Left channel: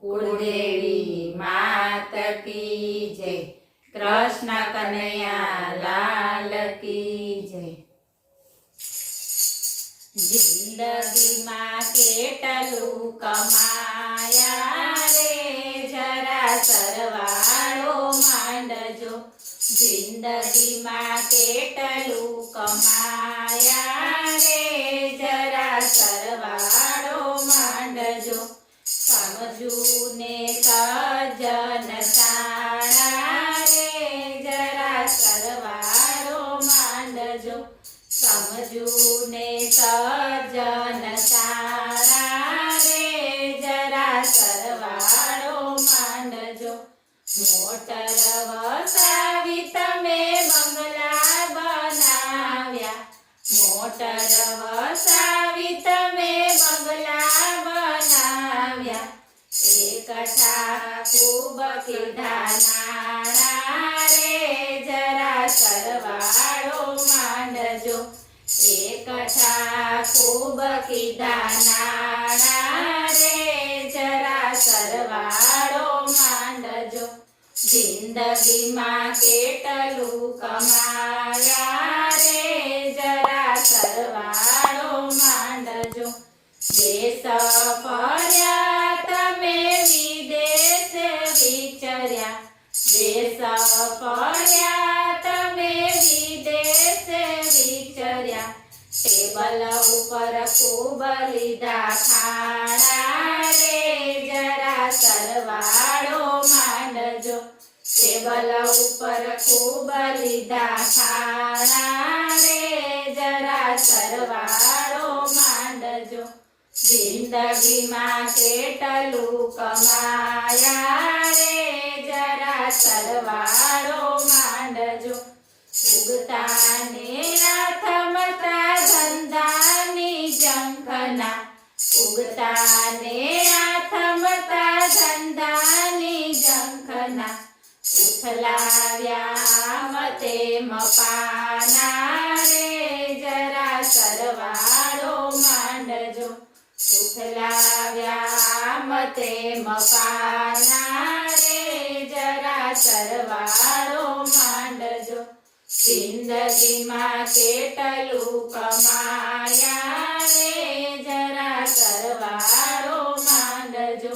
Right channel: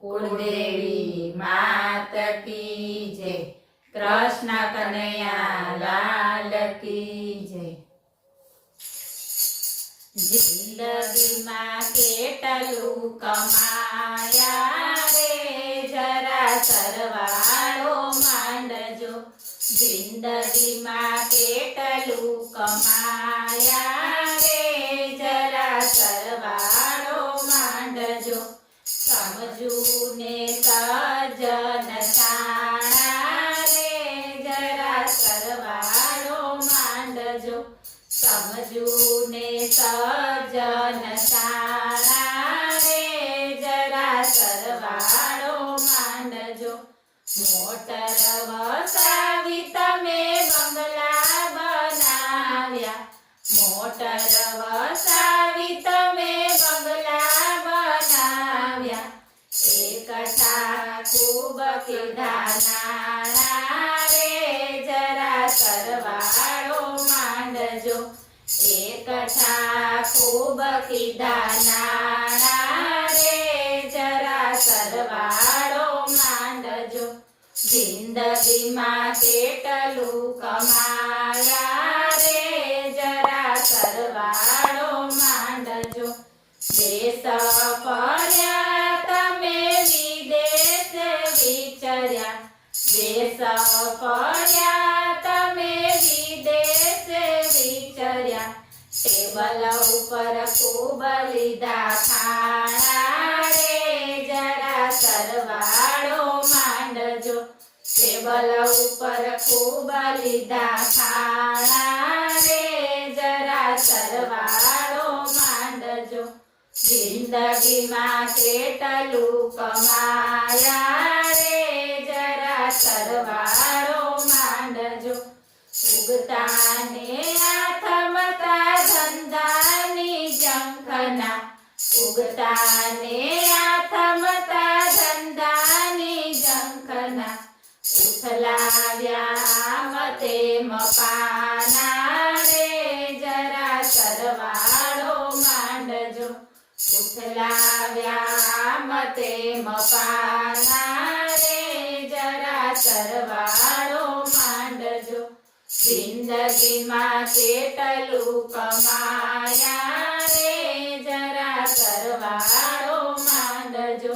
કુળદેવી માત કી જય, કૃષ્ણ કનૈયા લાલ કી જય। જિંદગીમાં કેટલું કમાયા રે, જરા સરવાળો માંડજો। જિંદગીમાં કેટલું કમાયા રે, જરા સરવાળો માંડજો। સમજું ને સજ્જન સાણા રે, જરા સરવાળો માંડજો। સમજું ને સજ્જન સાણા રે, જરા સરવાળો માંડજો। મોટર વસાવી તમે બંગલા બનાવ્યા, મોટર વસાવી તમે બંગલા બનાવ્યા। એકઠા ખૂબ કીધા નાણાં રે, જરા સરવાળો માંડજો। એકઠા ખૂબ કીધા નાણાં રે, જરા સરવાળો માંડજો। જિંદગીમાં કેટલું કમાયા રે, જરા સરવાળો માંડજો। દેશ ફર્યા તમે વિદેશ વિચર્યા, દેશ ફર્યા તમે વિદેશ વિચર્યા। ટેબલ ઉપર ખૂબ લીધા ખાણા રે, જરા સરવાળો માંડજો। ટેબલ ઉપર ખૂબ લીધા ખાણા રે, જરા સરવાળો માંડજો। જિંદગીમાં કેટલું કમાયા રે, જરા સરવાળો માંડજો। ઉગતા ને આથમતા ધંધાની ઝંખના, ઉગતા ને આથમતા ધંધાની ઝંખના। ઉથલાવ્યા મતે મપાના રે, જરા સરવાળો માંડજો। ઉથલાવ્યા મતે મપાના રે, જરા સરવાળો માંડજો। જિંદગીમાં કેટલું કમાયા રે, જરા સરવાળો માંડજો।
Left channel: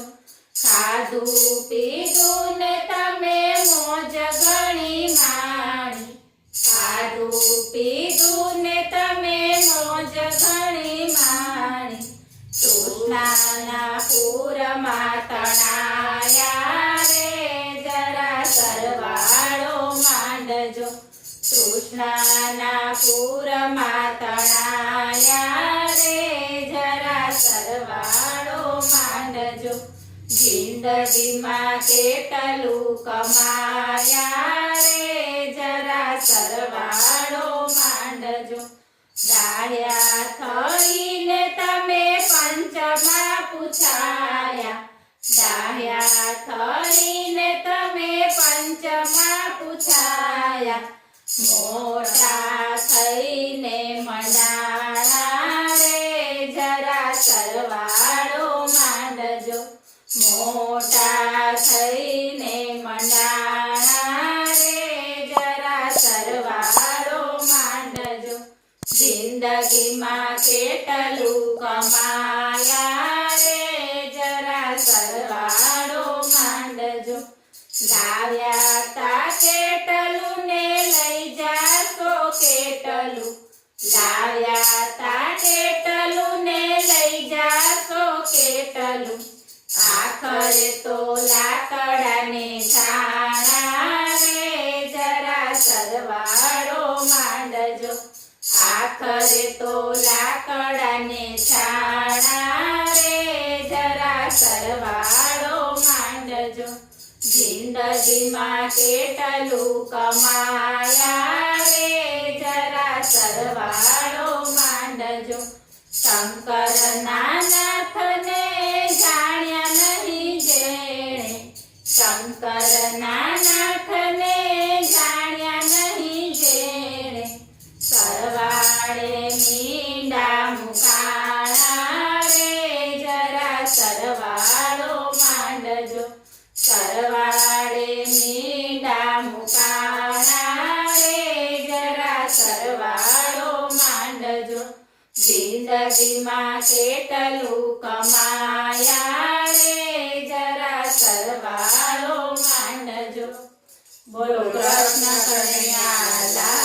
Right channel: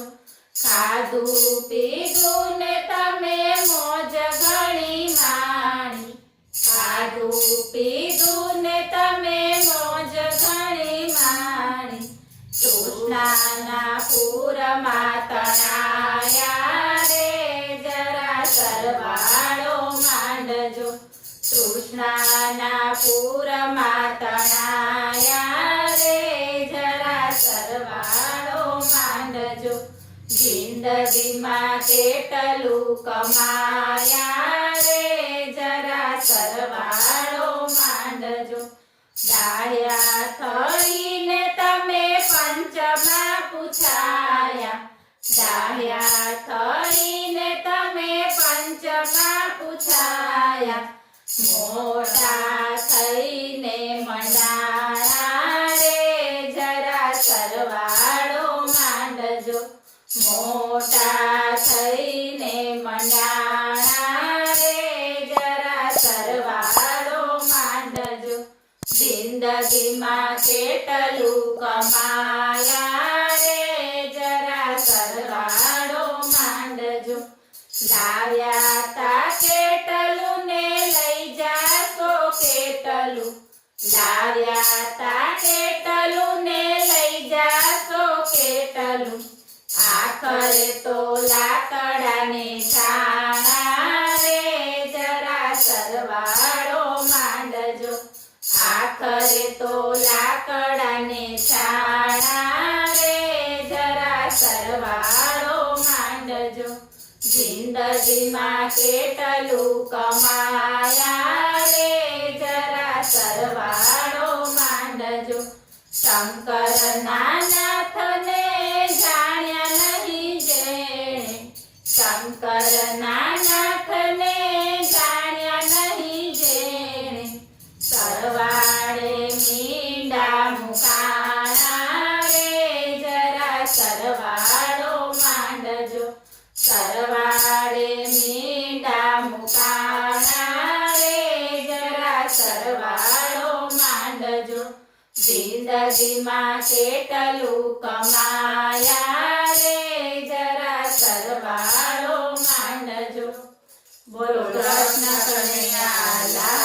ખાધું પીધું ને તમે મોજ ઘણી માણી, ખાધું પીધું ને તમે મોજ ઘણી માણી। તૃષ્ણાના પૂરમાં તણાયા રે, જરા સરવાળો માંડજો। તૃષ્ણાના પૂરમાં તણાયા રે, જરા સરવાળો માંડજો। જિંદગીમાં કેટલું કમાયા રે, જરા સરવાળો માંડજો। ડાળ્યા થઈને તમે પંચમાં પૂછાયા, ડાળ્યા થઈને તમે પંચમાં પૂછાયા। મોટા થઈને મંડાણા રે, જરા સરવાળો માંડજો। મોટા થઈને મંડાણા રે, જરા સરવાળો માંડજો। જિંદગીમાં કેટલું કમાયા રે, જરા સરવાળો માંડજો। લાવ્યા તા કેટલું ને લઈ જાશો કેટલું, લાવ્યા તા કેટલું ને લઈ જાશો કેટલું। આખરે તો લાકડાને છાણા રે, જરા સરવાળો માંડજો। આખરે તો લાકડાને છાણા રે, જરા સરવાળો માંડજો। જિંદગીમાં કેટલું કમાયા રે, જરા સરવાળો માંડજો। શંકરના નાથને જાણ્યા નહીં જેણે, શંકરના નાથને જાણ્યા નહીં જેણે। સરવાળે મીંડા મુકાણા રે, જરા સરવાળો માંડજો। સરવાળે મીંડા મુકાણા રે જરા સરવાળો માંડજો જિંદગીમાં કેટલું કમાયા રે જરા સરવાળો માંડજો બોલો કૃષ્ણ કનૈયા લાલ